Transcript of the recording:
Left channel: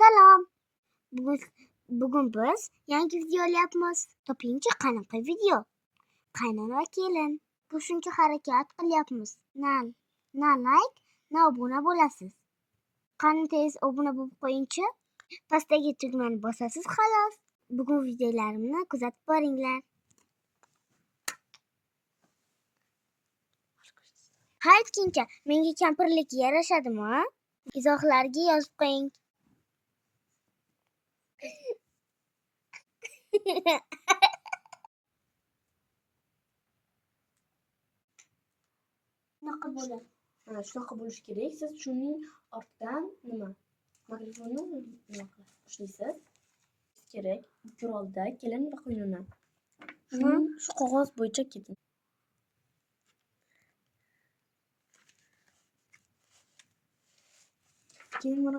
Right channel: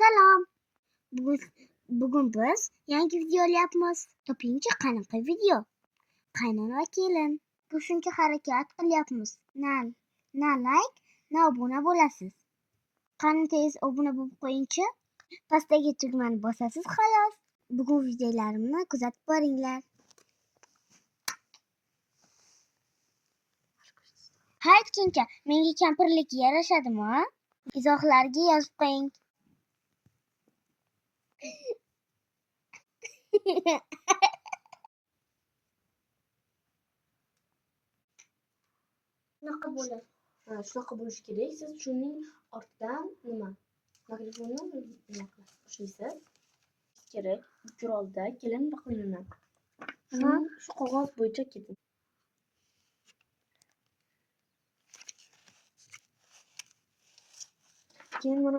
Salom. Bugun bugun biz yangi video olyapmiz. Topingchi qanaqa video? Qaynona va kelin. Bu shuncha harakat qilyapmiz. Na like, na obuna bo'lasiz. Qani tez obuna bo'lib qo'yingchi. Pastdagi tugmani bosasiz xolos. Bugun videolarimni kuzatib boringlar. Ha aytgancha, menga kampirlik yarashadimi? Izohlarga yozib qo'ying. Shunaqa bo'ladi. Shunaqa bo'lishi kerak. Siz shuning ortidan mikrofonni ushlaysiz. Kerak. Qurolda kelin va qaynona. Shu qog'oz bo'yicha keting. Keyin buni